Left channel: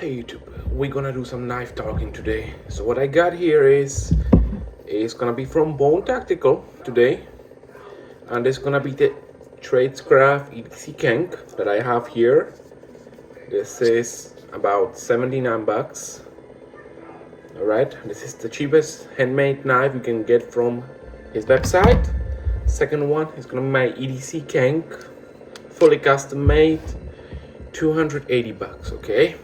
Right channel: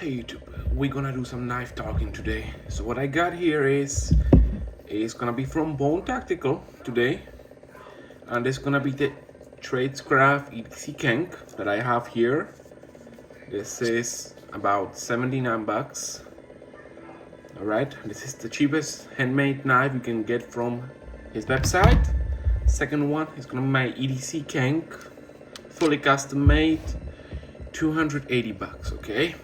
Hey YouTube, we're gonna do some knife talking today. So what I got here is gonna be from Bone Tactical today, and it's gonna be the tradecraft EDC cank that I have here. This is about 79 bucks. All right, this is the cheapest handmade knife you can get from his website. Second one is gonna be my EDC cank, fully custom made, 280 bucks. Okay.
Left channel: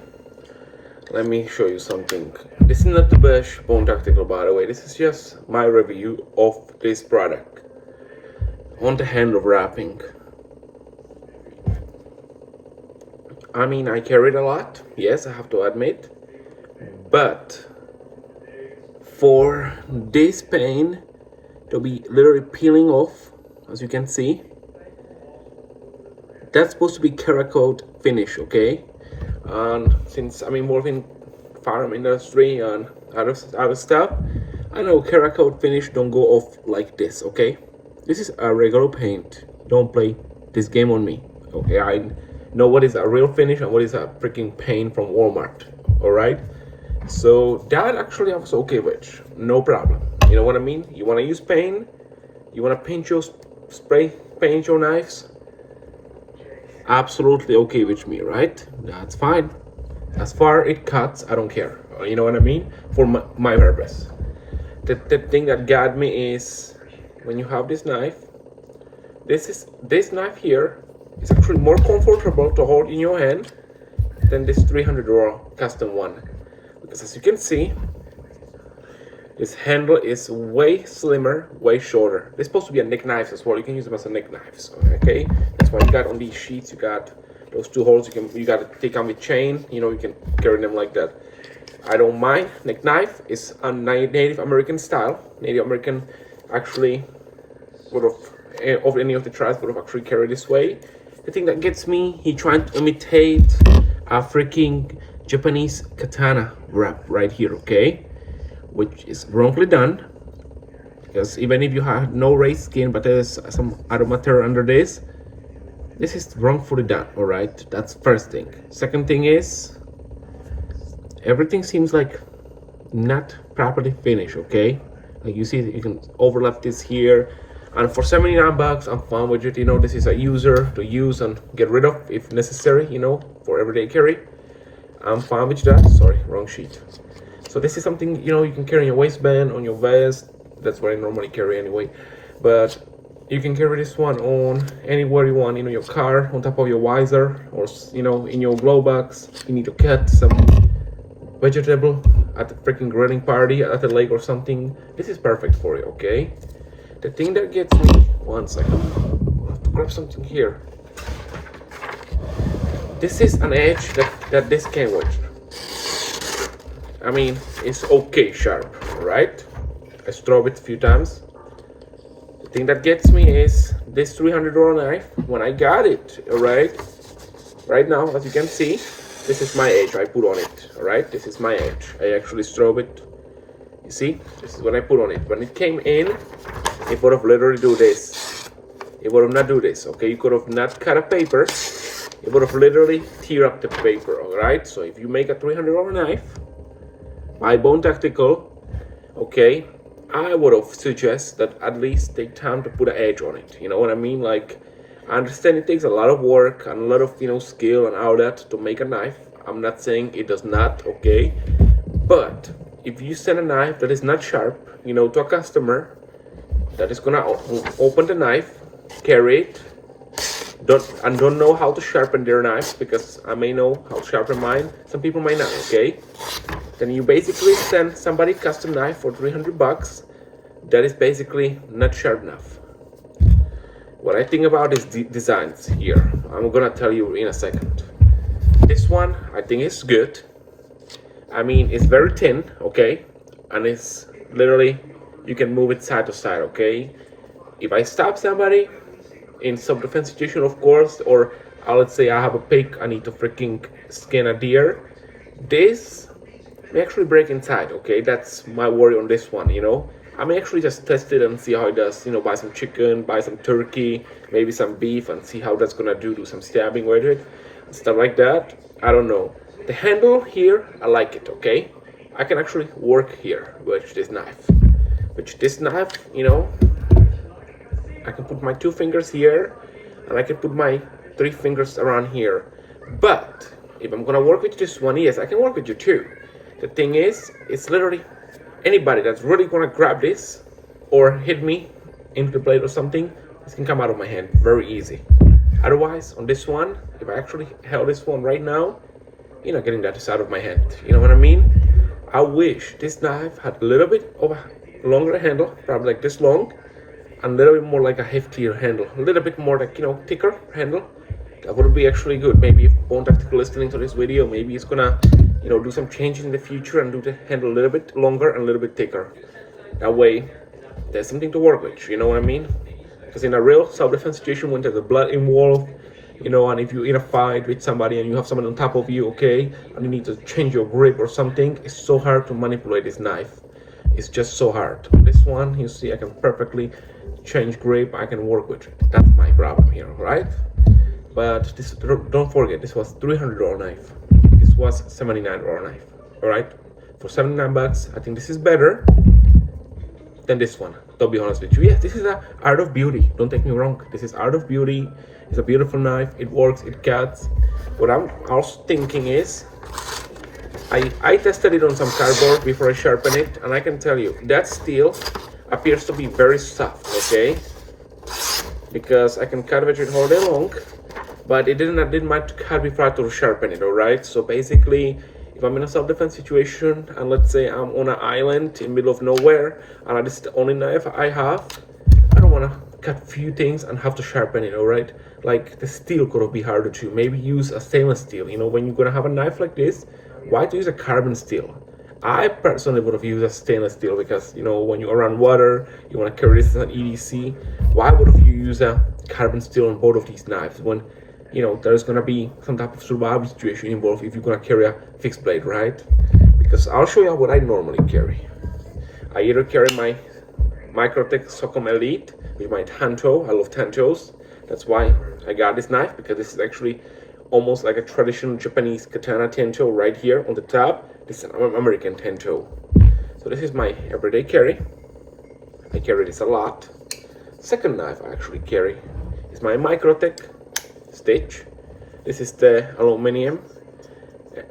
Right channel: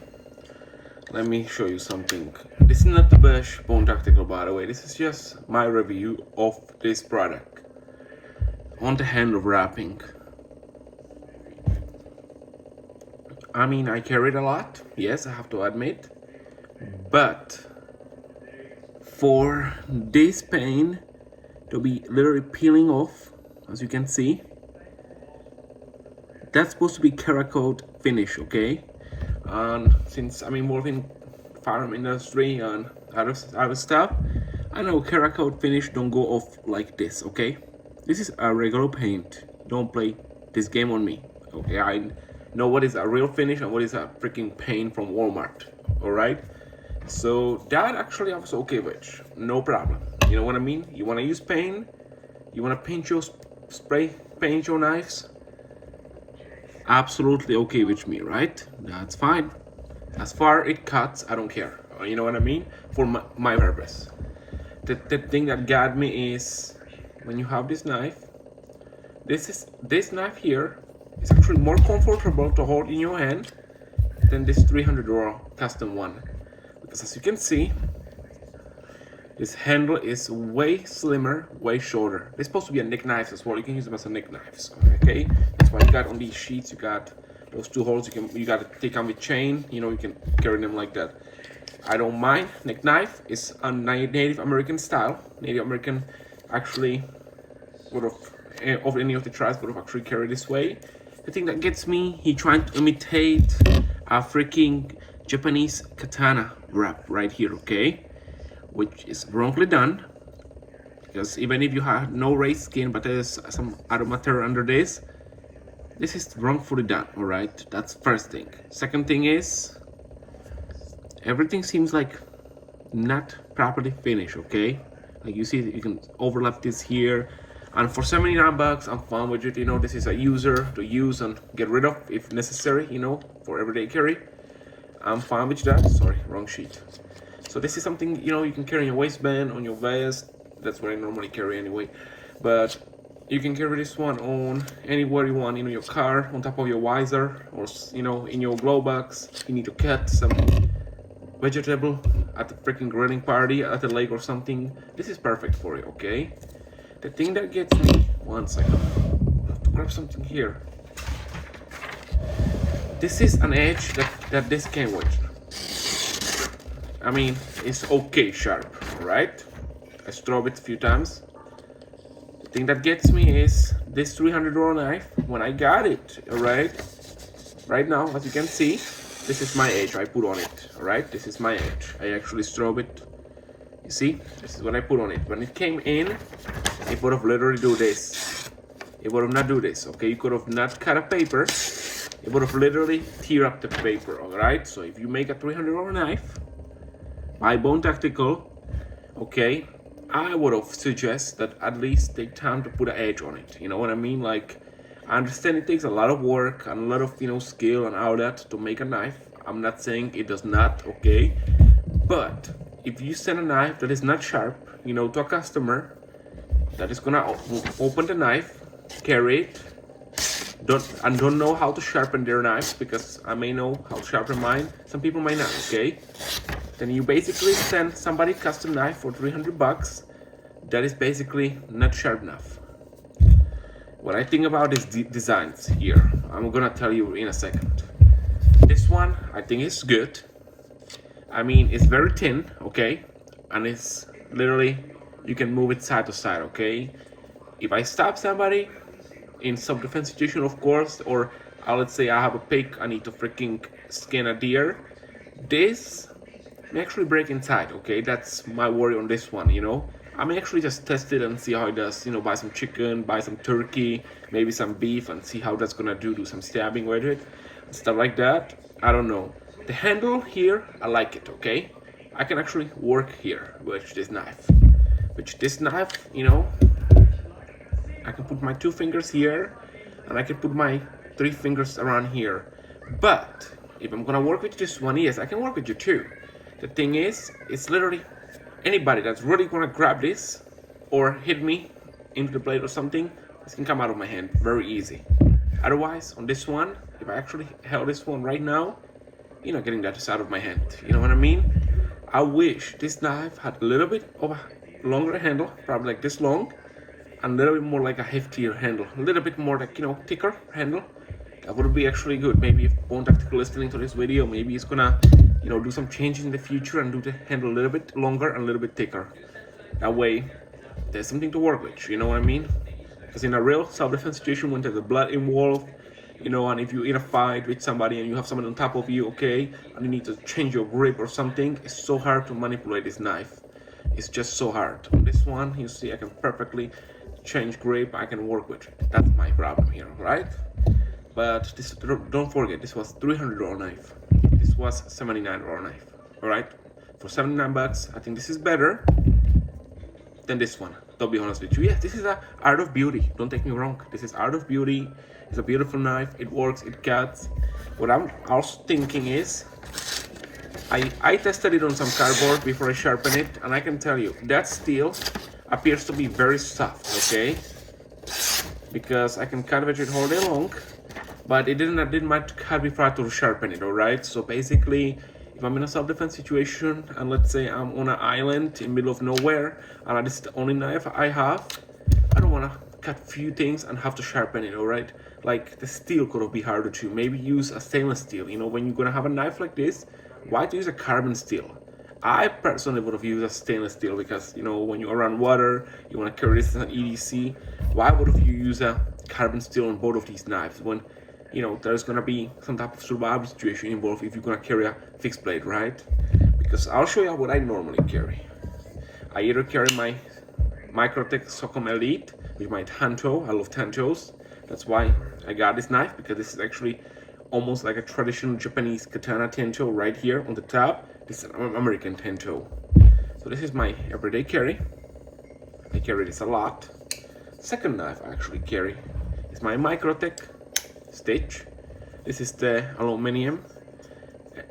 Let me show you something. This is not the best Bone Tactical, by the way. This is just my review of this product on the handle wrapping. I mean, I carry it a lot, yes, I have to admit, but for this pain to be literally peeling off, as you can see, that's supposed to be Cerakote finish, okay? And since I'm involved in farm industry and other stuff, I know Cerakote finish don't go off like this, okay? This is a regular paint. Don't play this game on me, okay? I know what is a real finish and what is a freaking paint from Walmart, all right? So that actually I was okay with, no problem. You know what I mean? You want to use paint, you want to paint your spray paint your knives, absolutely okay with me, right? That's fine. As far it cuts, I don't care. You know what I mean? For my purpose. The thing that got me is when you have this knife, this knife here is actually more comfortable to hold in your hand than this $300 custom one, because as you can see, this handle is way slimmer, way shorter. They're supposed to be a neck knives as well. You can use them as a neck knives, okay? That's why you got on these sheets, you got those two holes. You got to take on with chain. You know, you can carry them like that. I don't mind. Neck knife is a Native American style. Native American actually would have, of any of the tribes would have actually carried this way. The thing that gets me, he trying to imitate a freaking Japanese katana wrap right here, okay? Which is wrongly done, because even if you have no raised skin but there's some other material under this is wrongfully done. All right, that's first thing. Second thing is everything seems like not properly finished, okay? Like you see, you can overlap this here, and for 79 bucks I'm fine with it. You know, this is a user to use and get rid of if necessary, you know, for everyday carry. I'm fine with that. Sorry, wrong sheet. So this is something, you know, you can carry in your waistband, on your vest. That's what I normally carry anyway. But you can carry this one on anywhere you want, you know, your car, on top of your visor, or, you know, in your glove box. You need to cut some vegetable at a freaking grilling party at the lake or something. This is perfect for you, okay? The thing that gets me, one second, I have to grab something here. This is an edge that this came with. I mean, it's okay sharp, right? I strove it a few times. The thing that gets me is this $300 knife. When I got it, all right? Right now, as you can see, this is my edge I put on it, all right? This is my edge. I actually strove it. You see? This is what I put on it. When it came in, it would have literally do this. It would have not do this, okay? You could have not cut a paper. It would have literally tear up the paper, all right? So if you make a $300 knife, by Bone Tactical, okay, I would have suggest that at least take time to put an edge on it. You know what I mean? Like, I understand it takes a lot of work and a lot of, you know, skill and all that to make a knife. I'm not saying it does not, okay? But if you send a knife that is not sharp, you know, to a customer that is gonna open the knife, carry it, don't know how to sharpen their knives, because I may know how to sharpen mine, some people might not, okay? Then you basically send somebody custom knife for 300 bucks that is basically not sharp enough. What I think about is designs here. I'm gonna tell you in a second. This one I think is good. I mean, it's very thin, okay? And it's literally, you can move it side to side, okay? If I stab somebody in self-defense situation, of course, or let's say I have a pig, I need to freaking skin a deer, this may actually break inside, okay? That's my worry on this one, you know? I may actually just test it and see how it does, you know, buy some chicken, buy some turkey, maybe some beef, and see how that's gonna do some stabbing with it, stuff like that. I don't know. The handle here, I like it, okay? I can actually work here with this knife. With this knife, you know, I can put my 2 fingers here, and I can put my 3 fingers around here. But if I'm gonna work with just one, yes, I can work with you too. The thing is, it's literally anybody that's really gonna grab this or hit me into the blade or something, this can come out of my hand very easy. Otherwise, on this one, if I actually held this one right now, you're not getting that out of my hand. You know what I mean? I wish this knife had a little bit of a longer handle, probably like this long, and a little bit more like a heftier handle, a little bit more like, you know, thicker handle. That would be actually good. Maybe if Bone Tactical listening to this video, maybe it's gonna, you know, do some changes in the future and do the handle a little bit longer and a little bit thicker. That way, there's something to work with. You know what I mean? Because in a real self-defense situation, when there's blood involved, you know, and if you're in a fight with somebody and you have someone on top of you, okay, and you need to change your grip or something, it's so hard to manipulate this knife. It's just so hard. This one, you see, I can perfectly change grip. I can work with it. That's my problem here, right? But this, don't forget, this was $300 knife. This was $79 knife, all right? For 79 bucks, I think this is better than this one. To be honest with you, yes, this is a art of beauty. Don't take me wrong. This is art of beauty. It's a beautiful knife. It works. It cuts. What I'm also thinking is, I tested it on some cardboard before I sharpen it, and I can tell you that steel appears to be very soft. Okay, because I can cut with it all day long, but I didn't might cut before to sharpen it. All right. So basically, if I'm in a self-defense situation and let's say I'm on an island in the middle of nowhere and this is the only knife I have, I don't want to cut few things and have to sharpen it, all right? Like the steel could be harder too. Maybe use a stainless steel. You know, when you're gonna have a knife like this, why to use a carbon steel? I personally would have used a stainless steel because, you know, when you're around water, you want to carry this as an EDC. Why would you use a carbon steel on both of these knives when, you know, there's gonna be some type of survival situation involved if you're gonna carry a fixed blade, right? Because I'll show you what I normally carry. I either carry my Microtech Socom Elite with my tanto. I love tantos. That's why I got this knife, because this is actually almost like a traditional Japanese katana tanto right here on the top. This is an American tanto. So this is my everyday carry. I carry this a lot. Second knife I actually carry is my Microtech Stitch. This is the aluminum,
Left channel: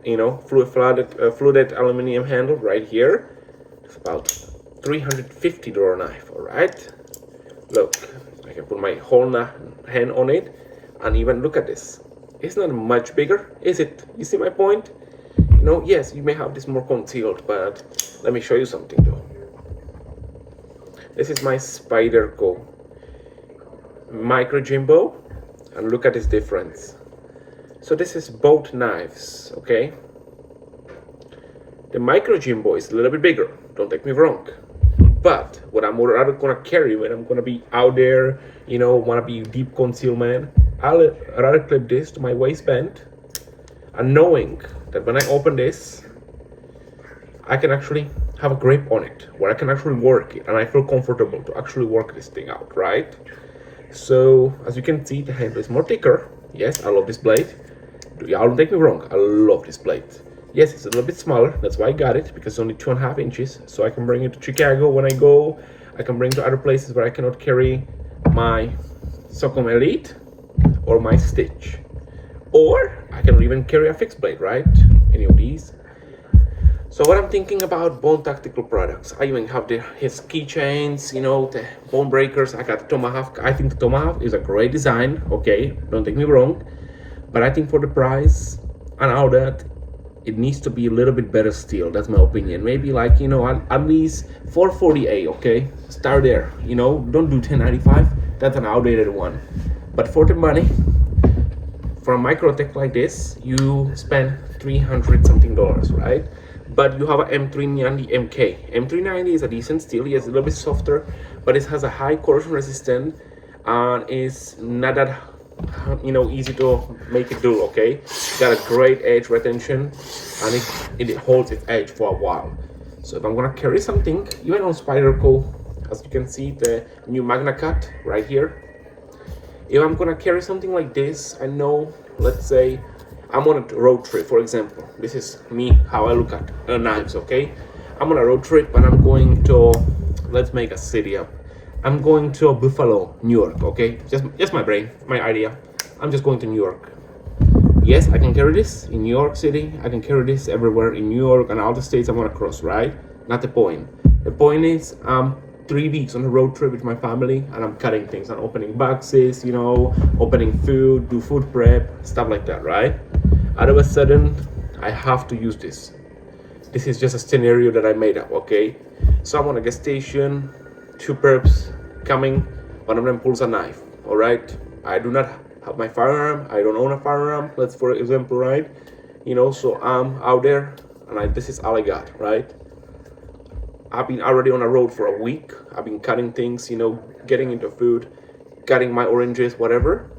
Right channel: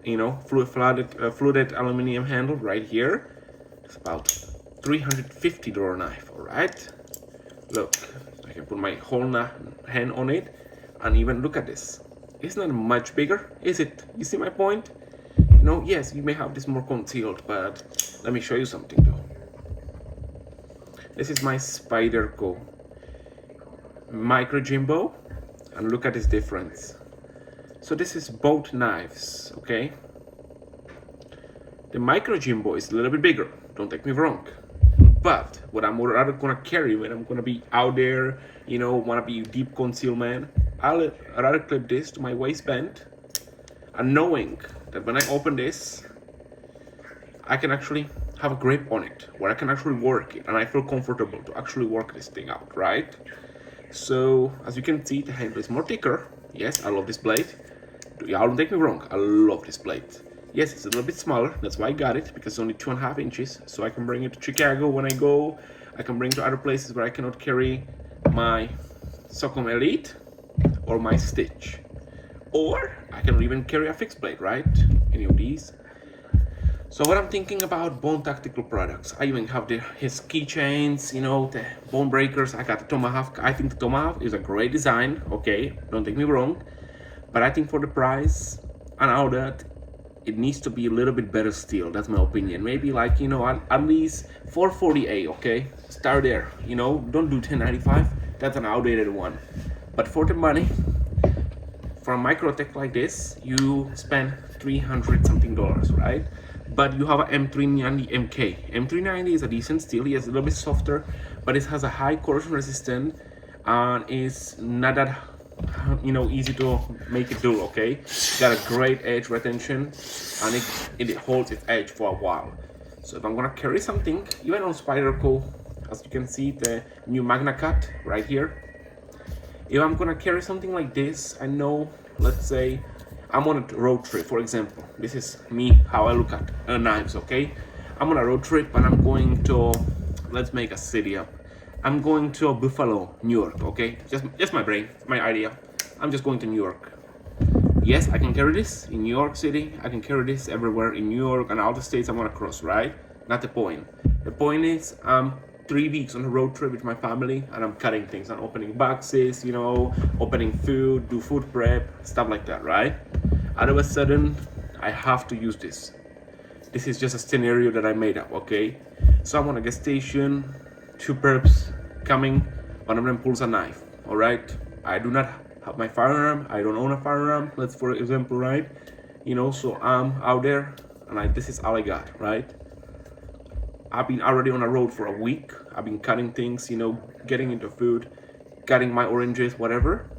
you know, fluted aluminum handle right here. It's about $350 knife. All right, look, I can put my whole hand on it, and even look at this. It's not much bigger, is it? You see my point? You know, yes, you may have this more concealed, but let me show you something though. This is my Spyderco Micro Jimbo, and look at this difference. So this is both knives, okay? The Micro Jimbo is a little bit bigger, don't take me wrong. But what I'm rather gonna carry when I'm gonna be out there, you know, wanna be deep concealment, I'll rather clip this to my waistband, and knowing that when I open this, I can actually have a grip on it, where I can actually work it, and I feel comfortable to actually work this thing out, right? So, as you can see, the handle is more thicker. Yes, I love this blade. Don't take me wrong, I love this blade. Yes, it's a little bit smaller, that's why I got it, because it's only 2.5 inches. So I can bring it to Chicago when I go. I can bring it to other places where I cannot carry my Socom Elite or my Stitch. Or I can even carry a fixed blade, right? Any of these. So what I'm thinking about Bone Tactical products, I even have his keychains, you know, the bone breakers. I got the Tomahawk. I think the Tomahawk is a great design, okay? Don't take me wrong. But I think for the price and all that, it needs to be a little bit better steel. That's my opinion. Maybe like, you know, at least 440A, okay? Start there, you know, don't do 1095. That's an outdated one. But for the money, for a Microtech like this, you spend $300 something, right? But you have an M390 MK. M390 is a decent steel. It's a little bit softer, but it has a high corrosion resistance and it's not that, you know, easy to make it do, okay? It's got a great edge retention and it holds its edge for a while. So if I'm gonna carry something, even on Spyderco, as you can see, the new Magna Cut right here. If I'm gonna carry something like this, I know, let's say I'm on a road trip, for example. This is me, how I look at knives, okay? I'm on a road trip and I'm going to, let's make a city up. I'm going to Buffalo, New York, okay? Just my brain, my idea. I'm just going to New York. Yes, I can carry this in New York City. I can carry this everywhere in New York and all the states I'm gonna cross, right? Not the point. The point is, 3 weeks on a road trip with my family and I'm cutting things. I'm opening boxes, you know, opening food, do food prep, stuff like that, right? All of a sudden, I have to use this. This is just a scenario that I made up, okay? So I'm on a gas station, 2 perps coming, one of them pulls a knife, all right? I do not have my firearm, I don't own a firearm, let's for example, right? You know, so I'm out there and this is all I got, right? I've been already on a road for a week. I've been cutting things, you know, getting into food, cutting my oranges, whatever.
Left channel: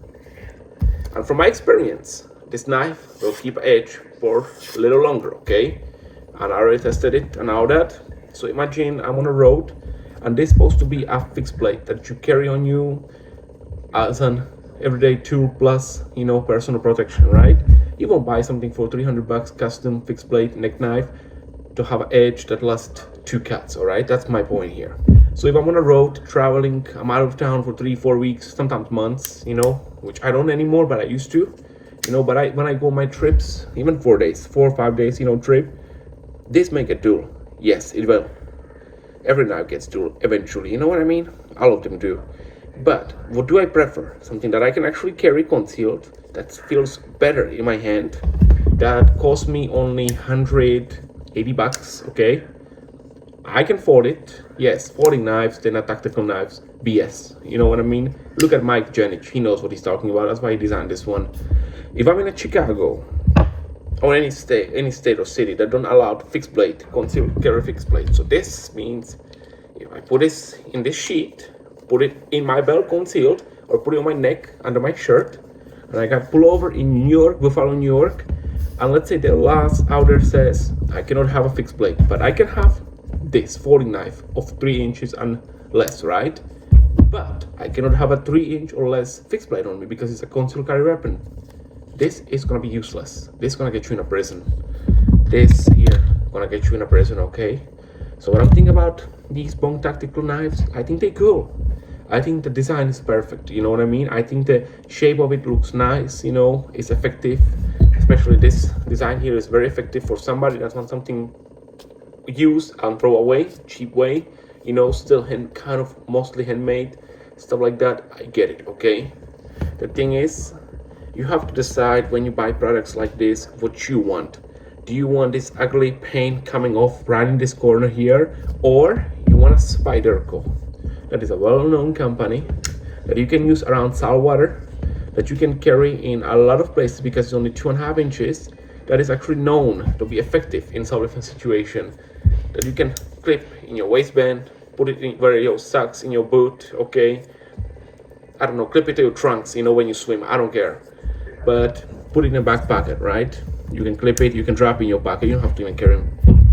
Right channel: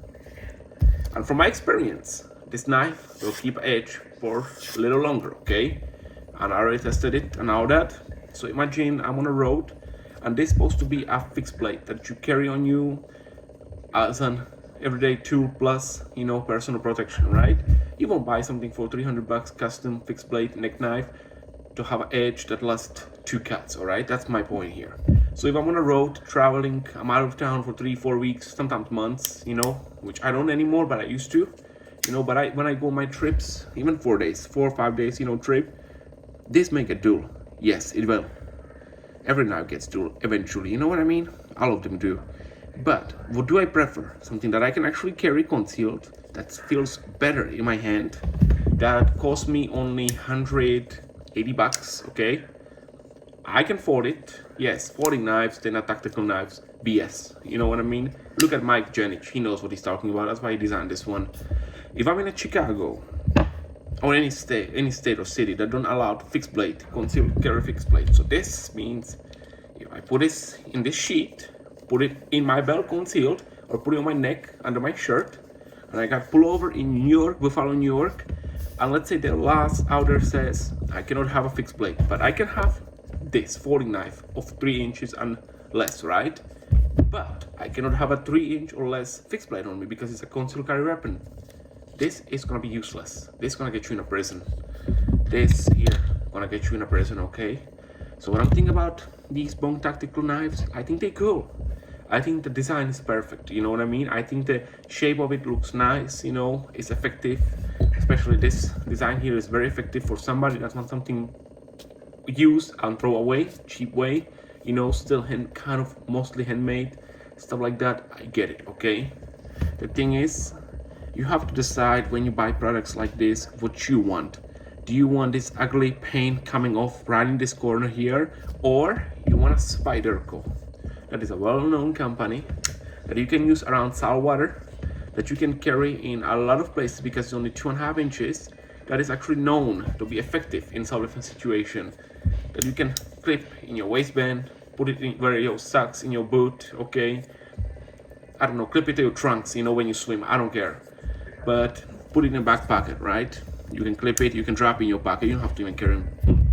And from my experience, this knife will keep edge for a little longer, okay? And I already tested it and all that. So imagine I'm on a road and this is supposed to be a fixed blade that you carry on you as an everyday tool plus, you know, personal protection, right? You won't buy something for $300 custom fixed blade neck knife to have an edge that lasts 2 cuts, all right? That's my point here. So if I'm on a road traveling, I'm out of town for 3-4 weeks, sometimes months, you know, which I don't anymore, but I used to, you know, but when I go on my trips, even 4 days, 4 or 5 days, you know, trip, this make a duel. Yes, it will. Every knife gets dual eventually, you know what I mean? All of them do. But what do I prefer? Something that I can actually carry concealed, that feels better in my hand, that cost me only $180, okay? I can afford it. Yes, 40 knives, they're not tactical knives. BS, you know what I mean? Look at Mike Janic, he knows what he's talking about. That's why he designed this one. If I'm in a Chicago or any state or city that don't allow fixed blade, concealed carry fixed blade. So this means if I put this in this sheet, put it in my belt concealed, or put it on my neck under my shirt, and I can pull over in New York, Buffalo, New York, and let's say the last order says I cannot have a fixed blade, but I can have this 40 knife of 3 inches and less, right? But I cannot have a 3-inch or less fixed blade on me because it's a concealed carry weapon. This is gonna be useless. This is gonna get you in a prison. This here gonna get you in a prison, okay? So what I'm thinking about these Bone tactical knives, I think they're cool. I think the design is perfect, you know what I mean? I think the shape of it looks nice, you know, it's effective. Especially this design here is very effective for somebody that wants something use and throw away, cheap way, you know, still kind of mostly handmade, stuff like that. I get it, okay? The thing is, you have to decide when you buy products like this what you want. Do you want this ugly paint coming off right in this corner here, or you want a Spyderco? That is a well-known company that you can use around saltwater, that you can carry in a lot of places because it's only 2.5 inches, that is actually known to be effective in self-defense situation, that you can clip in your waistband, put it in where your socks, in your boot, okay? I don't know, clip it to your trunks, you know, when you swim, I don't care. But put it in a back pocket, right? You can clip it, you can drop it in your pocket, you don't have to even carry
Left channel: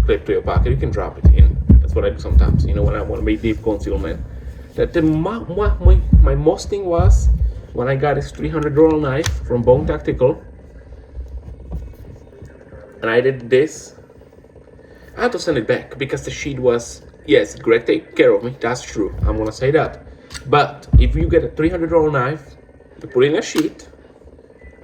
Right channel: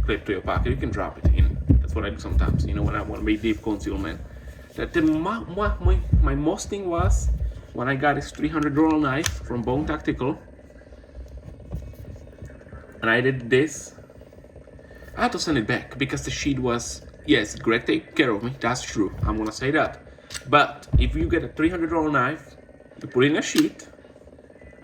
clip to your pocket, you can drop it in. That's what I do sometimes, you know, when I want to make deep concealment. That my most thing was when I got this $300 knife from Bone Tactical, and I did this, I had to send it back because the sheet was, yes, Greg take care of me, that's true, I'm gonna say that. But if you get a $300 knife, you put it in a sheet,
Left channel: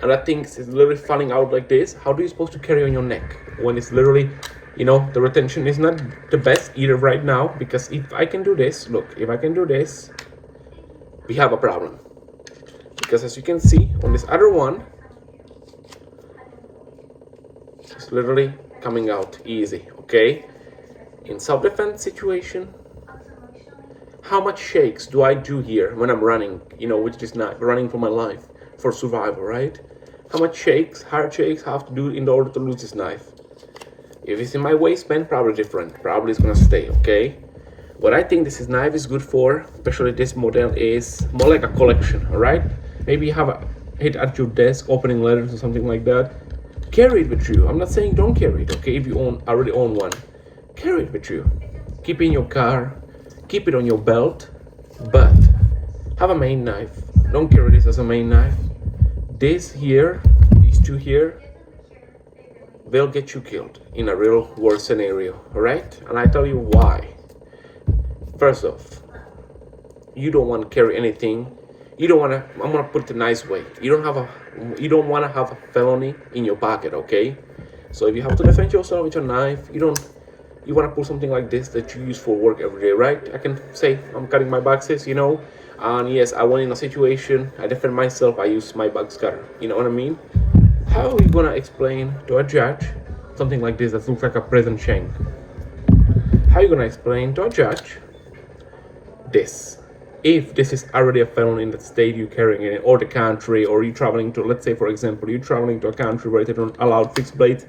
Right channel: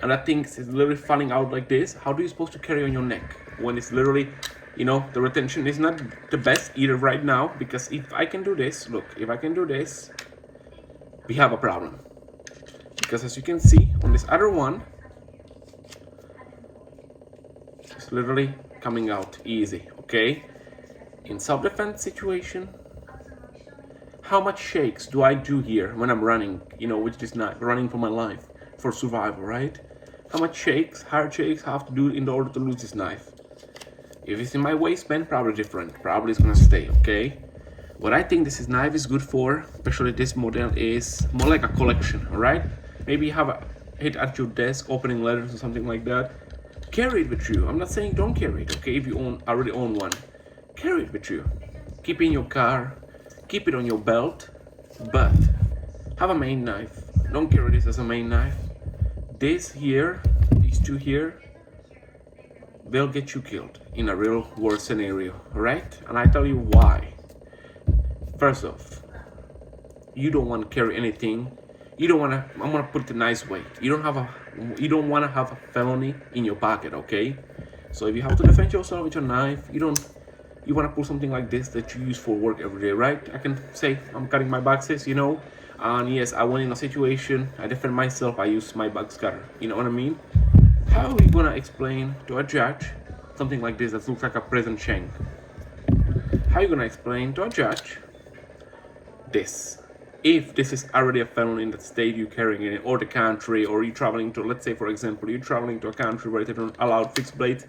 and that thing is literally falling out like this, how do you supposed to carry on your neck when it's literally, you know, the retention is not the best either right now? Because if I can do this, look, if I can do this, we have a problem. Because as you can see on this other one, it's literally coming out easy, okay? In self-defense situation, how much shakes do I do here when I'm running, you know, which is not running for my life, for survival, right? How much shakes, hard shakes I have to do in order to lose this knife? If it's in my waistband, probably different, probably it's gonna stay, okay? What I think this knife is good for, especially this model, is more like a collection, all right? Maybe you have a hit at your desk, opening letters or something like that. Carry it with you. I'm not saying don't carry it, okay? If you already own one, carry it with you. Keep it in your car, keep it on your belt, but have a main knife. Don't carry this as a main knife. This here, these two here, they'll get you killed in a real world scenario, all right? And I tell you why. First off, you don't want to carry anything. You don't want to, I'm gonna put it a nice way. You don't want to have a felony in your pocket, okay? So if you have to defend yourself with your knife, you want to put something like this that you use for work every day, right? I can say I'm cutting my boxes, and yes, I went in a situation, I defend myself, I use my box cutter, you know what I mean? How are you gonna explain to a judge something like this that looks like a present shank? How are you gonna explain to a judge this? If this is already a felony in the state you're carrying it, or the country, or you're traveling to, let's say for example, you're traveling to a country where they don't allow fixed blades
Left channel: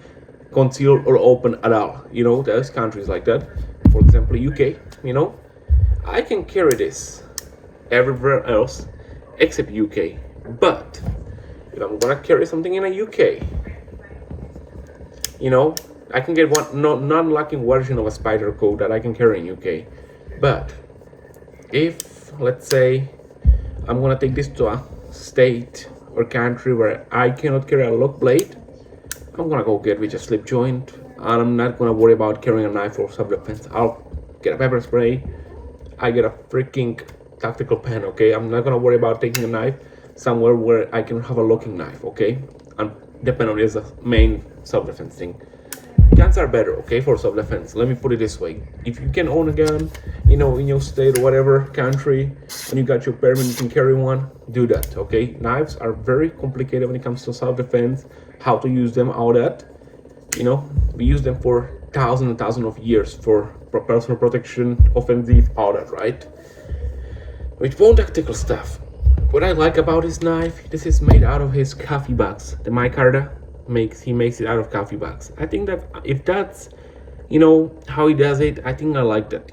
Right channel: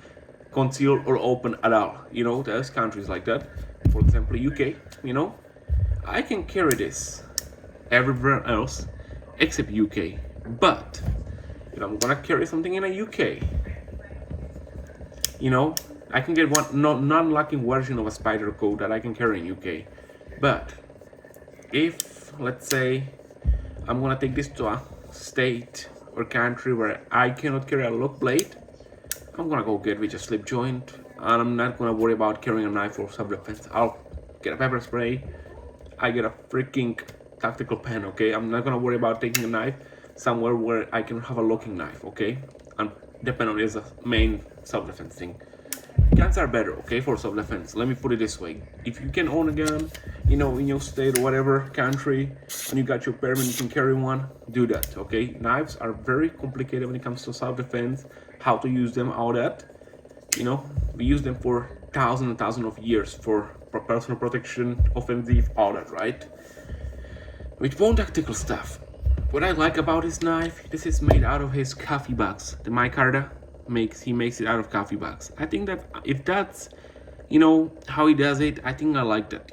concealed or open at all. There's countries like that. For example, UK, I can carry this everywhere else except UK. But if I'm gonna carry something in a UK, I can get one non-locking version of a spider code that I can carry in UK. But if, let's say, I'm gonna take this to a state or country where I cannot carry a lock blade, I'm gonna go get with a slip joint, and I'm not gonna worry about carrying a knife for self-defense. I'll get a pepper spray, I get a freaking tactical pen, okay? I'm not gonna worry about taking a knife somewhere where I can have a locking knife, okay? And the pen is the main self-defense thing. Guns are better, okay, for self-defense. Let me put it this way. If you can own a gun, in your state or whatever country, and you got your permit, you can carry one, do that, okay? Knives are very complicated when it comes to self-defense, how to use them, all that. We use them for thousands and thousands of years for personal protection, offensive, all that, right? With more tactical stuff, what I like about his knife, this is made out of his coffee bags. The micarta he makes it out of coffee bags. I think that if that's how he does it, I think I like that.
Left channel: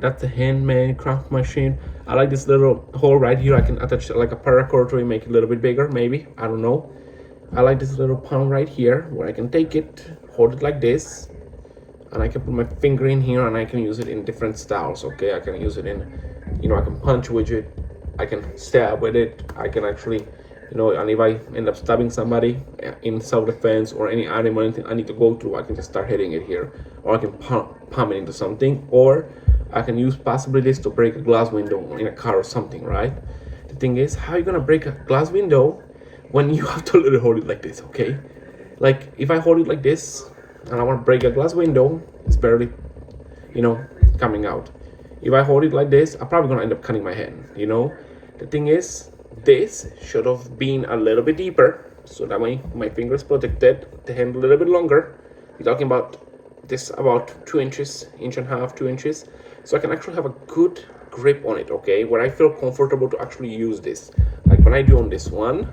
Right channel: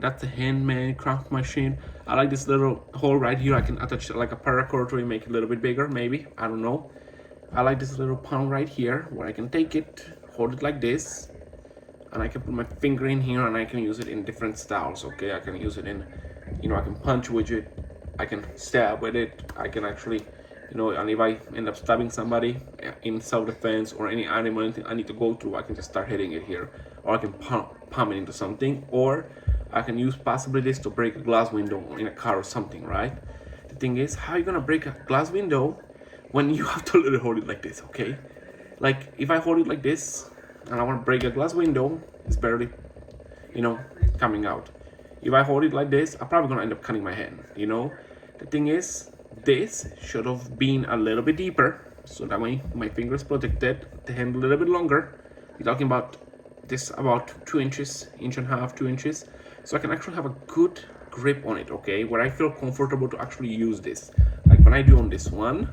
That's a handmade craft machine. I like this little hole right here. I can attach like a paracord to it, make it a little bit bigger, maybe, I don't know. I like this little pound right here where I can take it, hold it like this, and I can put my finger in here and I can use it in different styles, okay? I can use it in, I can punch with it, I can stab with it, I can actually, and if I end up stabbing somebody in self-defense or any animal, anything I need to go through, I can just start hitting it here, or I can palm it into something, or I can use possibly this to break a glass window in a car or something, right? The thing is, how are you gonna break a glass window when you have to literally hold it like this, okay? Like, if I hold it like this and I want to break a glass window, it's barely, coming out. If I hold it like this, I'm probably gonna end up cutting my hand, The thing is, this should have been a little bit deeper, so that way my finger is protected, the hand a little bit longer. You're talking about this about 2 inches, inch and a half, 2 inches, so I can actually have a good grip on it, okay, where I feel comfortable to actually use this, like when I do on this one.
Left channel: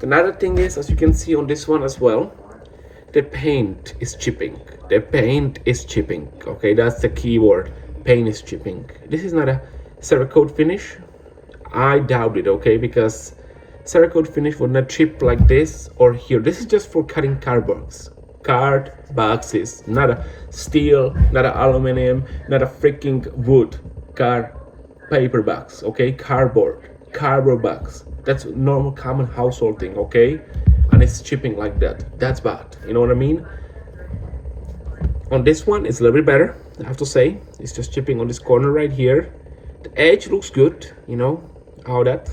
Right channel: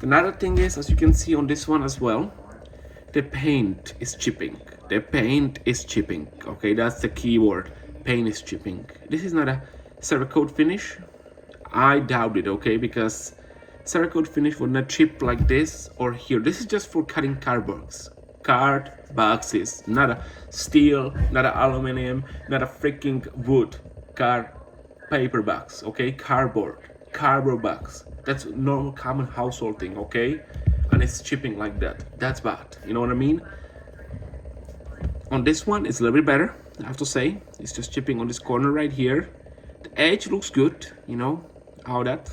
Another thing is, as you can see on this one as well, the paint is chipping. The paint is chipping, okay, that's the key word. Paint is chipping. This is not a Cerakote finish. I doubt it, okay, because Cerakote finish would not chip like this or here. This is just for cutting card boxes, not a steel, not a aluminum, not a freaking wood card paper box, okay, cardboard box. That's normal common household thing, okay? And it's chipping like that. That's bad, you know what I mean? On this one, it's a little bit better, I have to say. It's just chipping on this corner right here. The edge looks good, how that.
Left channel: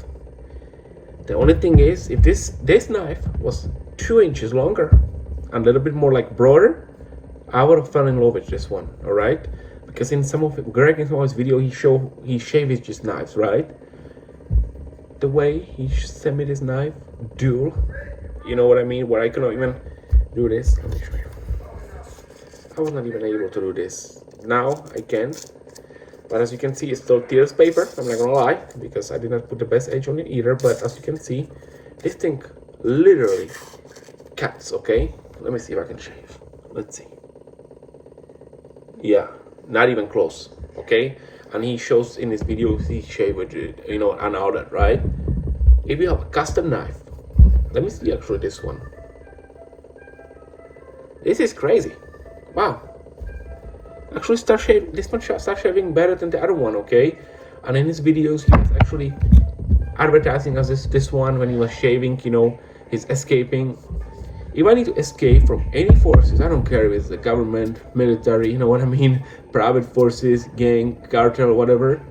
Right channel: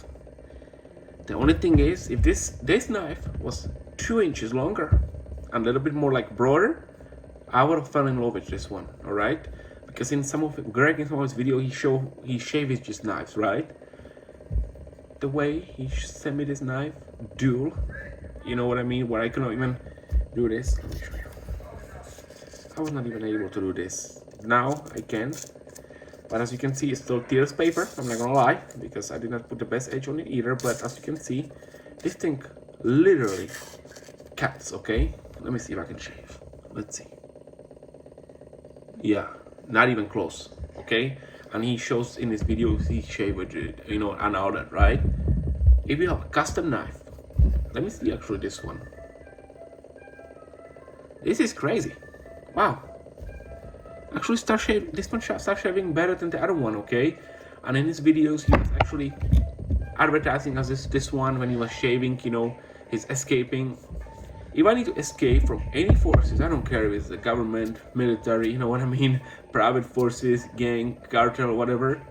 The only thing is, if this knife was 2 inches longer and a little bit more like broader, I would have fallen in love with this one, all right? Because in some of his video, he shaved his knives, right? The way he sent me this knife, dual, you know what I mean? Where I cannot even do this. Let me show you. I was not even able to do this. Now I can. But as you can see, it's still tears paper, I'm not gonna lie, because I did not put the best edge on it either. But as you can see, this thing literally cuts, okay? Let me see if I can shave. Let's see. Yeah, not even close, okay? And he shows in his videos he shaved with it, and all that, right? If you have a custom knife, let me see actually this one. This is crazy. Wow. Actually this one start shaving better than the other one, okay? And in his videos, he was actually advertising as this one when he was shaving, he's escaping. If I need to escape from any forces, I don't care if it's the government, military, you know what I mean, private forces, gang, cartel, whatever,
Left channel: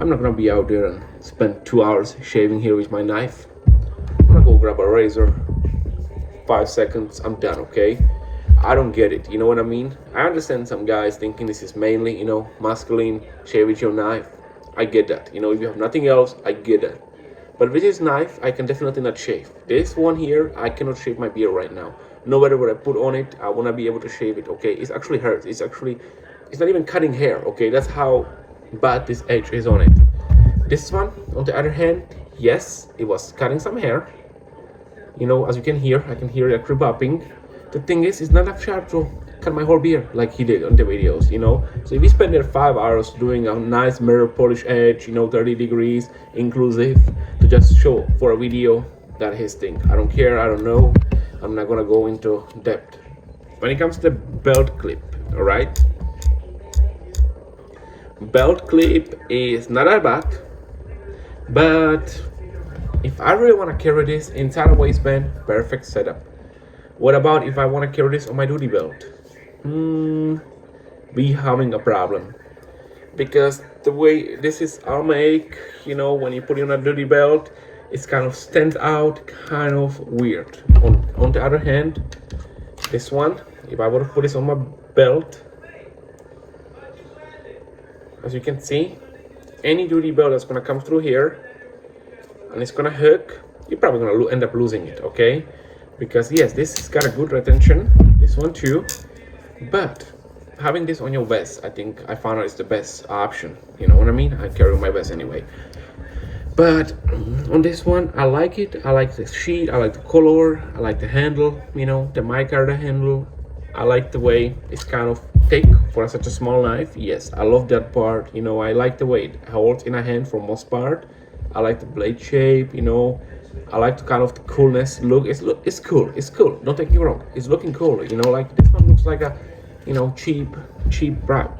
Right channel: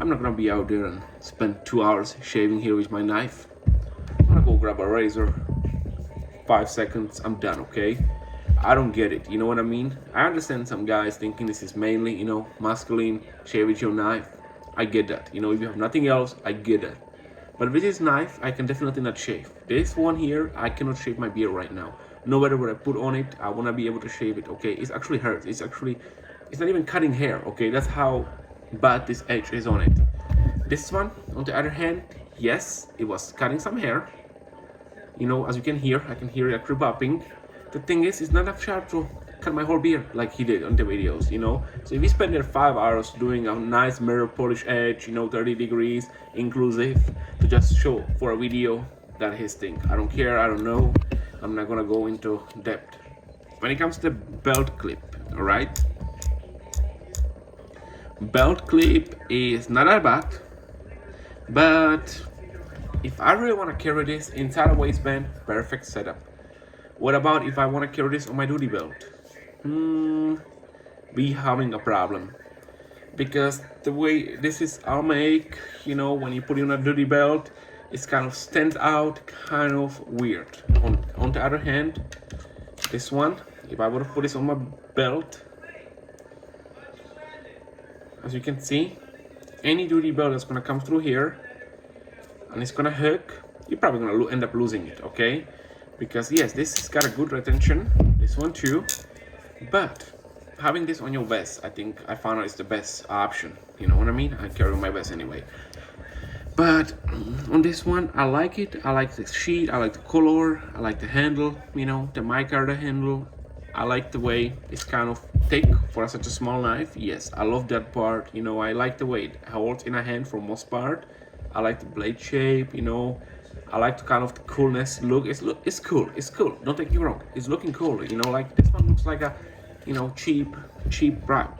I'm not gonna be out there and spend 2 hours shaving here with my knife. I'm gonna go grab a razor, 5 seconds, I'm done, okay? I don't get it, you know what I mean? I understand some guys thinking this is mainly, you know, masculine, shave with your knife. I get that, you know, if you have nothing else, I get that. But with this knife, I can definitely not shave. This one here, I cannot shave my beard right now. No matter what I put on it, I wanna be able to shave it, okay? It actually hurts, it's not even cutting hair, okay? That's how bad this edge is on it. This one, on the other hand, yes, it was cutting some hair. You know, as you can hear, I can hear it actually bopping. The thing is, it's not that sharp to cut my whole beard like he did on the videos, you know. So if we spend there 5 hours doing a nice mirror polish edge, you know, 30 degrees inclusive, to just show for a video, that his thing. I don't care, I don't know. I'm not gonna go into depth. When it comes to the belt clip, all right? Belt clip is not that bad, but if I really want to carry this inside a waistband, perfect setup. What about if I want to carry this on my duty belt? Be having a problem, because the way this is all make, you know, when you put it on a duty belt, it's kind of stands out, kind of weird. On the other hand, this one, if I were to put this on my belt, as you can see, any duty belt that's gonna come through here and it's gonna hook, you're probably gonna end up losing it, okay? Because yes, this has got a good retention, this one too, but having this on your vest, I think I found out it's the best option, you know what I mean? I carry my vest anyway. But on this one, I like it. I like the sheet, I like the color, I like the handle, you know, the micarta handle. I like the way it's kind of thick for such a small knife. Yes, I love that part, you know. I like the way it holds in a hand for most part. I like the blade shape, you know. I like the kind of the coolness look. It's cool. Don't take me wrong. It's looking cool, you know. Like this one looks like a, you know, cheap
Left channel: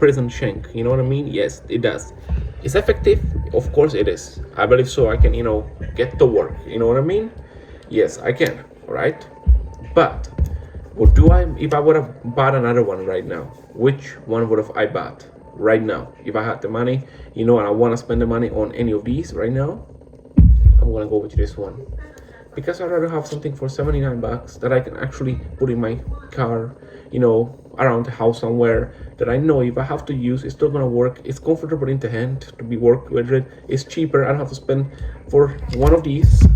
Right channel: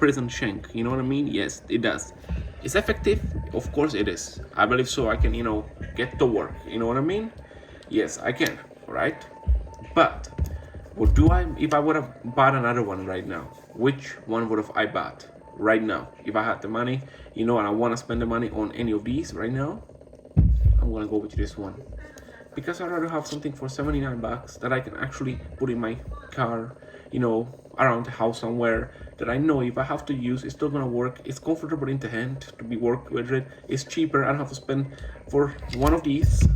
prison shank. You know what I mean? Yes, it does. It's effective, of course it is. I believe so. I can, you know, get to work. You know what I mean? Yes, I can. Right? But what do I? If I would have bought another one right now, which one would have I bought right now? If I had the money, you know, and I want to spend the money on any of these right now, I'm gonna go with this one, because I'd rather have something for 79 bucks that I can actually put in my car, you know, around the house somewhere, that I know if I have to use, it's still gonna work. It's comfortable in the hand to be work with it. It's cheaper. I don't have to spend for one of these.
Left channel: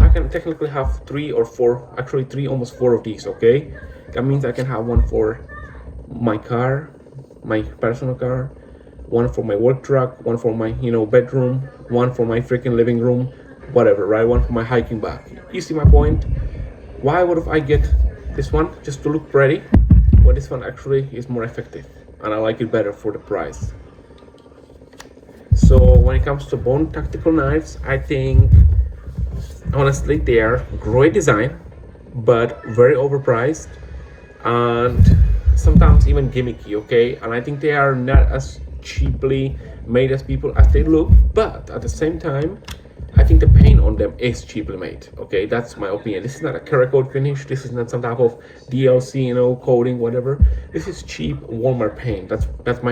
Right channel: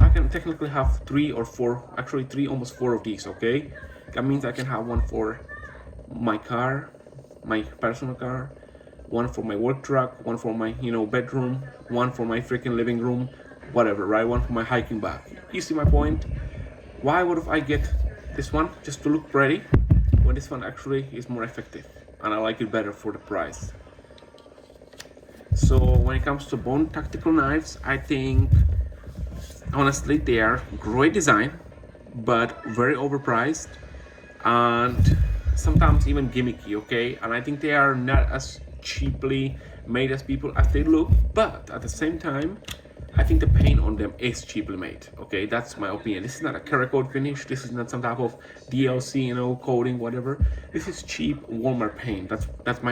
I can technically have 3 or 4, actually 3, almost 4 of these, okay? That means I can have one for my car, my personal car, one for my work truck, one for my, you know, bedroom, one for my freaking living room, whatever, right? One for my hiking bag. You see my point? Why would I get this one just to look pretty when this one actually is more effective, and I like it better for the price? So when it comes to bone tactical knives, I think honestly they are great design, but very overpriced and sometimes even gimmicky, okay? And I think they are not as cheaply made as people as they look, but at the same time, I think the paint on them is cheaply made, okay? That's my opinion. This is not a Cerakote finish. This is not some type of DLC, you know, coating, whatever. This is cheap Walmart paint. That's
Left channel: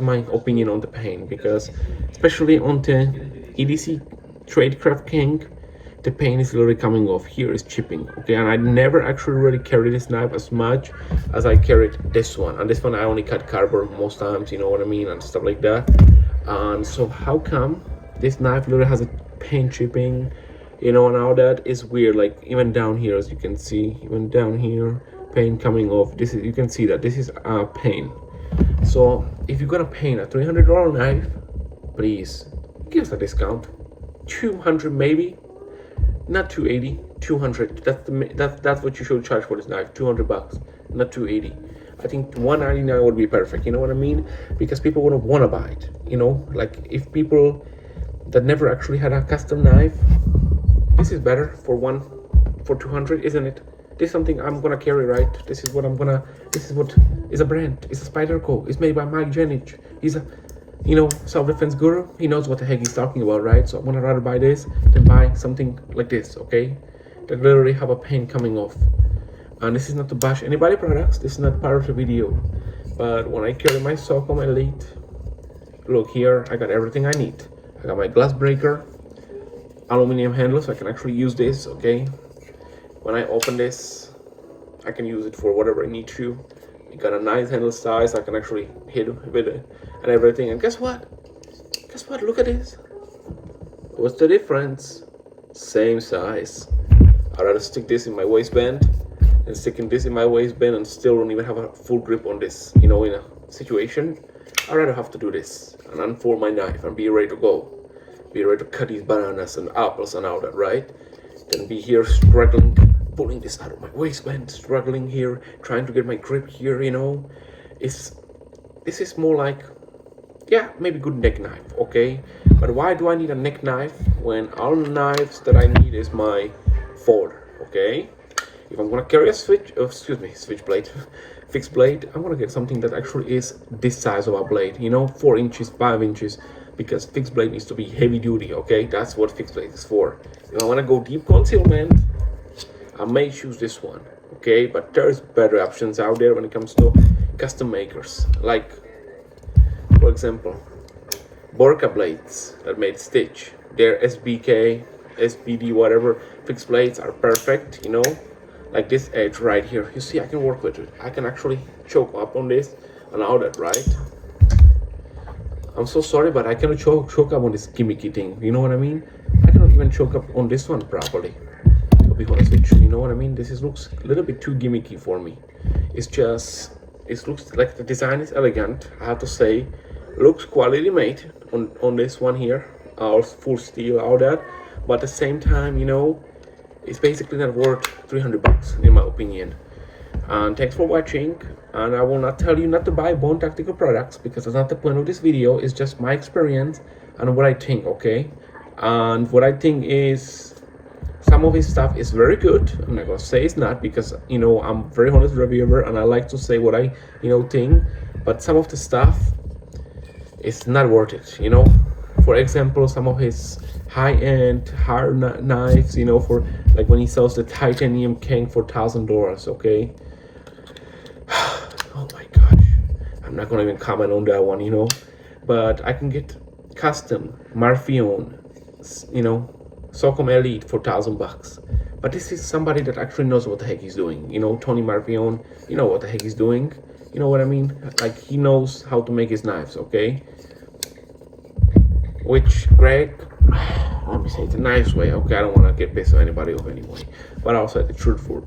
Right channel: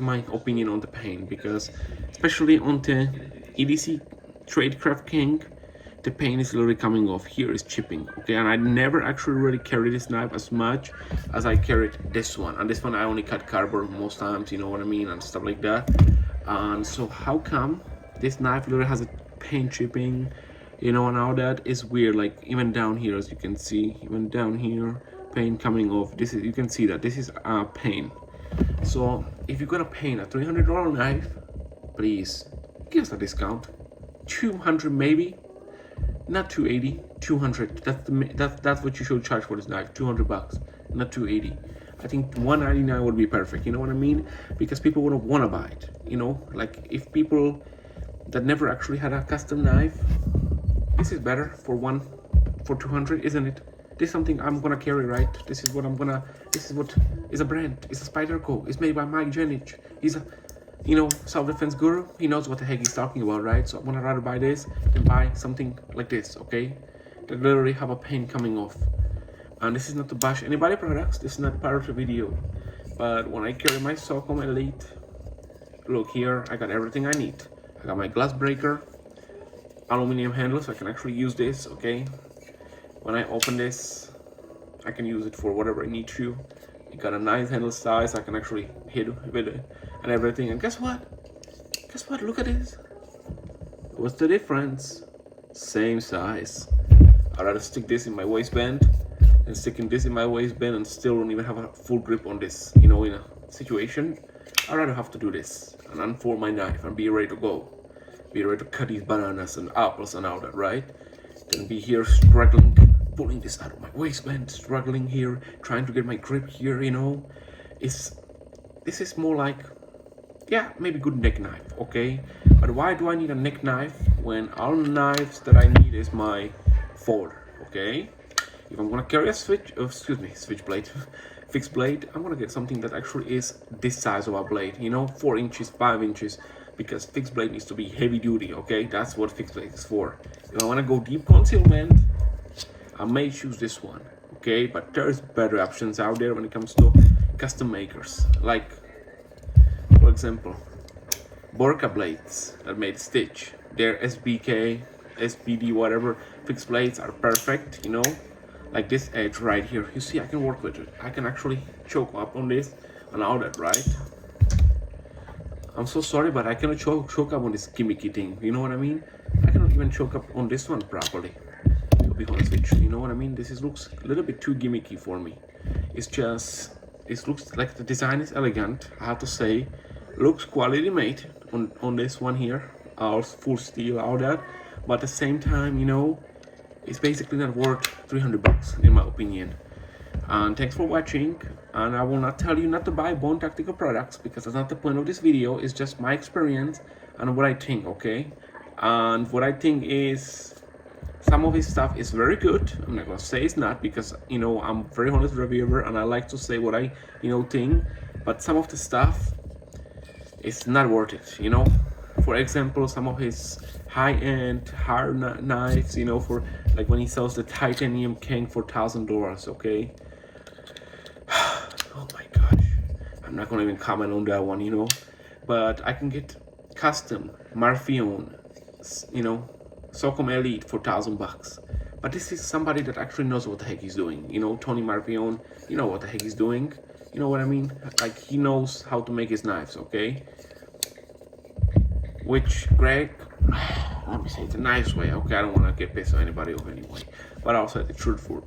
my opinion on the paint, because especially on the EDC tradecraft cank, the paint is literally coming off. Here is chipping, okay? And I never actually really carry this knife as much as I carried this one. And this one I only cut cardboard most times, you know what I mean, and stuff like that. And so how come this knife literally has a paint chipping, you know, and all that is weird. Like even down here, as you can see, even down here, paint coming off. This is, you can see that this is paint. So if you're gonna paint a $300 knife, please give us a discount. 200 maybe, not 280, 200. That's what you should charge for this knife. 200 bucks, not 280. I think 199 would be perfect. You know what I mean? Because people wouldn't want to buy it. You know, like if people that never actually had a custom knife, this is better for 200, isn't it? This is something I'm gonna carry, right? This is what is a brand. It's a Spyderco. It's made by Mike Jennings. He's a, you know, self-defense guru. He knows what the heck he's talking about, right? So I'm gonna rather buy this than buy something like this, okay? that literally have a paint coming off. And this is not to bash anybody products, this is not part of the video, but when I carry my Socom Elite, look here, I got everything I need. I got my glass breaker, aluminum handle, so I can actually use this, okay? When I open this, I can use it for whatever I need to. It got a nice handle size, I can actually hit with it and everything. And guess what? Guess what? Look at this. What's the difference? Same size. I'd rather stick this in my waistband than sticking this in my waistband and still don't even have a full grip on this. You know, in a situation, I'd rather have to do this and unfold my knife and be ready to go. Be ready to cut these bananas and apples and all that, right? Then be here struggling, pulling this out of my waistband, struggling here, trying to get my grip here, you know. This is more like, yeah, maybe good neck knife, okay? But why do I need a neck knife when all the knives that I need is my forward, okay? If I'm gonna carry a fixed blade, I'm gonna get something that actually is this size of a blade, you know, 4 inches, 5 inches, because fixed blade needs to be heavy duty, okay? That's what fixed blade is for. If I wanna go deep concealment, I may choose this one, okay? But there's better options out there when it comes to custom makers, like, for example, Borka blades that made Stitch. Their SBK, SBD, whatever fixed blades are perfect, you know, like this edge right here. You see, I can work with it. I can actually choke up on this and all that, right? I'm so sorry, but I cannot choke up on this gimmicky thing. You know what I mean? I cannot even choke up on this one properly. To be honest with you, you know what I mean? This looks a little bit too gimmicky for me. It's just, it looks like the design is elegant, I have to say. Looks quality made on this one here, all full steel, all that, but at the same time, you know, it's basically not worth 300 bucks in my opinion. And thanks for watching, and I will not tell you not to buy Bone Tactical products because that's not the point of this video. It's just my experience and what I think, okay? And what I think is some of his stuff is very good. I'm not gonna say it's not, because, you know, I'm a very honest reviewer and I like to say what I, you know, think, but some of the stuff, it's not worth it, you know. For example, some of his high-end hard knives, you know, for like when he sells the titanium cank for $1,000, okay? Oh my gosh, I'm not gonna even comment on that one, you know. But I can get custom Marfion, you know, Socom Elite for $1,000. But this is somebody that actually knows what the heck he's doing, you know. Tony Marfion, you know what the heck he's doing, you know what I mean? Like, he knows how to make his knives, okay? Which Greg, I'm saying it a nice way, okay? I don't want to get pissed on anybody off anyway, but I'll say the truthful.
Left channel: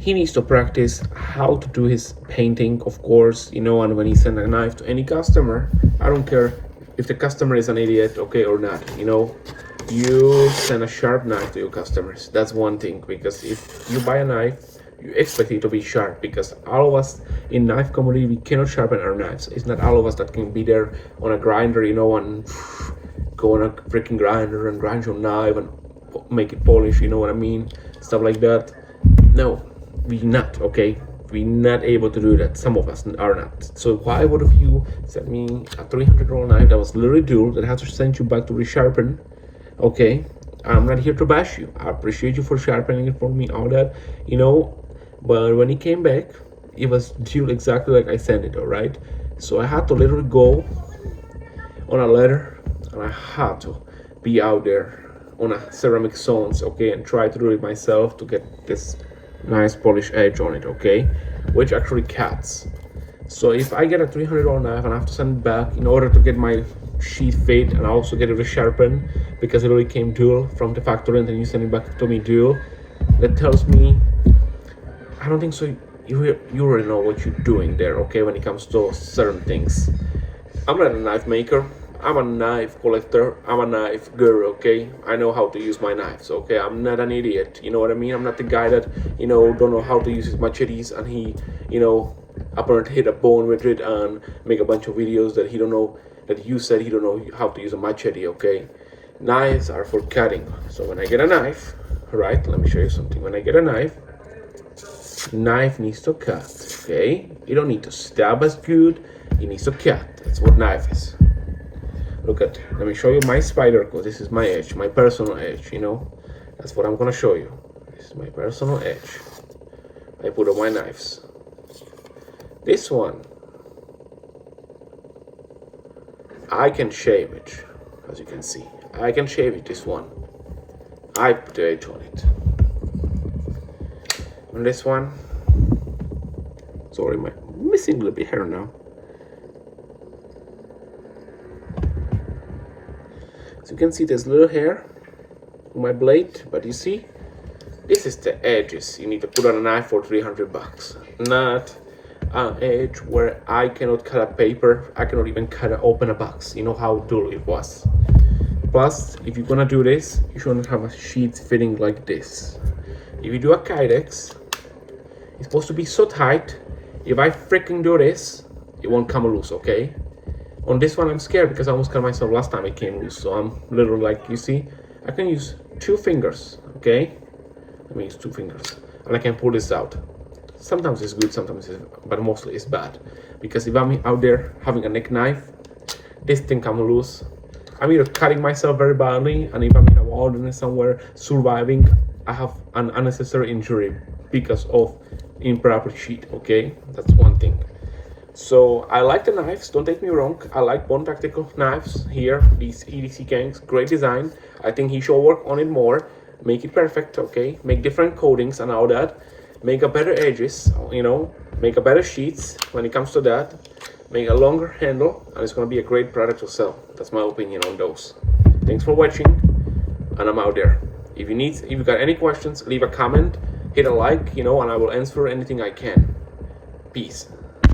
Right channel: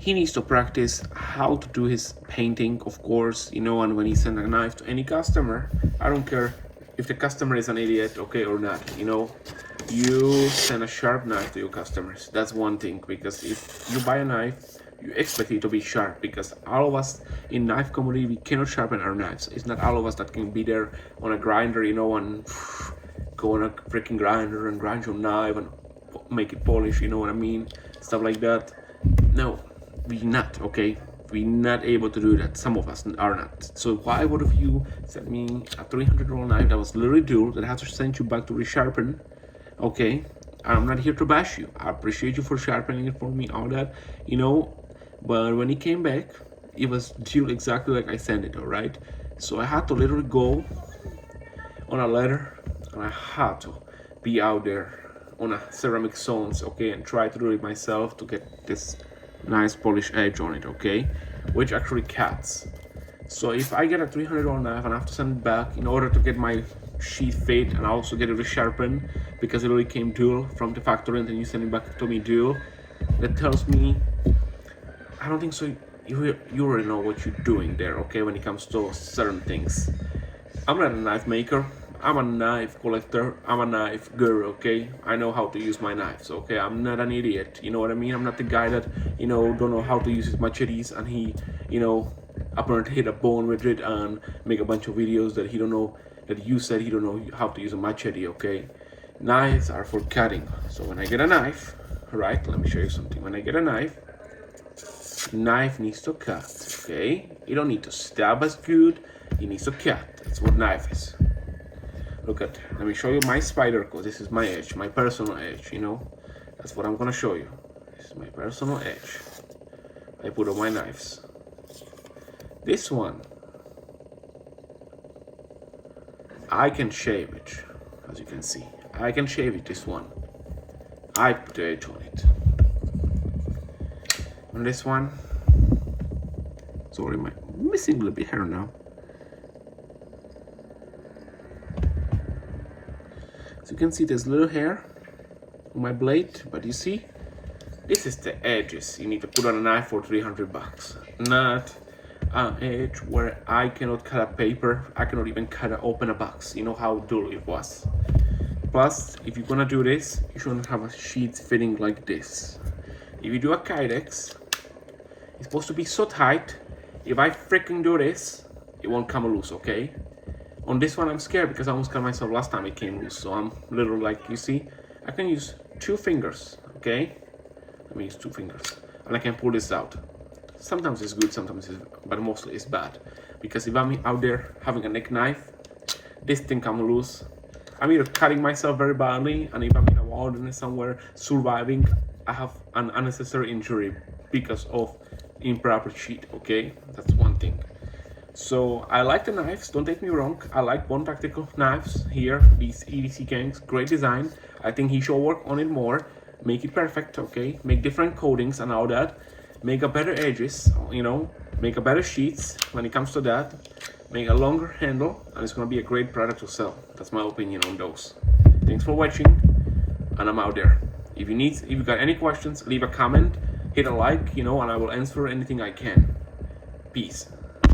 He needs to practice how to do his painting, of course, you know. And when he sends a knife to any customer, I don't care if the customer is an idiot, okay, or not, you know. You send a sharp knife to your customers. That's one thing, because if you buy a knife, you expect it to be sharp, because all of us in knife community, we cannot sharpen our knives. It's not all of us that can be there on a grinder, you know, and go on a freaking grinder and grind your knife and make it polish, you know what I mean, stuff like that. No, we not, okay? We're not able to do that. Some of us are not. So why would you send me a $300 knife that was literally dual, that has to send you back to resharpen, okay? I'm not here to bash you. I appreciate you for sharpening it for me, all that, you know. But when it came back, it was dual exactly like I sent it, all right? So I had to literally go on a ladder, and I had to be out there on a ceramic zones, okay, and try to do it myself to get this nice polished edge on it, okay, which actually cuts. So if I get a $300 knife and I have to send it back in order to get my sheath fit and also get it resharpened, because it already came dual from the factory and then you send it back to me dual, that tells me, I don't think so. You already know what you're doing there, okay, when it comes to certain things. I'm not a knife maker. I'm a knife collector. I'm a knife guru, okay? I know how to use my knives, okay? I'm not an idiot, you know what I mean? I'm not the guy that, you know, don't know how to use his machetes and he, you know, apparently hit a bone with it and make a bunch of videos that he don't know, that you said he don't know how to use a machete, okay? Knives are for cutting. So when I get a knife, right, let me show you something. When I get a knife needs to cut, okay? You don't need to stab as good, it needs to cut. That's what knife is. Look at, let me show you my spider, because this is my edge, my personal edge, you know. That's what I'm gonna show you. This is my personal edge. I put on my knives. This one, I can shave it, as you can see. I can shave it, this one. I put the edge on it. On this one, sorry, I'm missing a little bit hair now. As you can see, there's little hair on my blade, but you see, this is the edges you need to put on a knife for 300 bucks. Not an edge where I cannot cut a paper, I cannot even open a box. You know how dull it was. Plus, if you're gonna do this, you shouldn't have a sheath fitting like this. If you do a kydex, it's supposed to be so tight. If I freaking do this, it won't come loose, okay? On this one, I'm scared because I almost cut myself last time it came loose. So I'm literally like, you see, I can use 2 fingers, okay? Let me use 2 fingers, and I can pull this out. Sometimes it's good, sometimes it's, but mostly it's bad. Because if I'm out there having a neck knife, this thing comes loose. I'm either cutting myself very badly, and if I'm in a wilderness somewhere surviving, I have an unnecessary injury because of improper sheath, okay? That's one thing. So I like the knives, don't take me wrong. I like Bond Tactical knives here, these EDC canks, great design. I think he should work on it more, make it perfect, okay? Make different coatings and all that. Make a better edges, you know, make a better sheets when it comes to that. Make a longer handle, and it's gonna be a great product to sell. That's my opinion on those. Thanks for watching, and I'm out there. If you got any questions, leave a comment, hit a like, you know, and I will answer anything I can. Peace.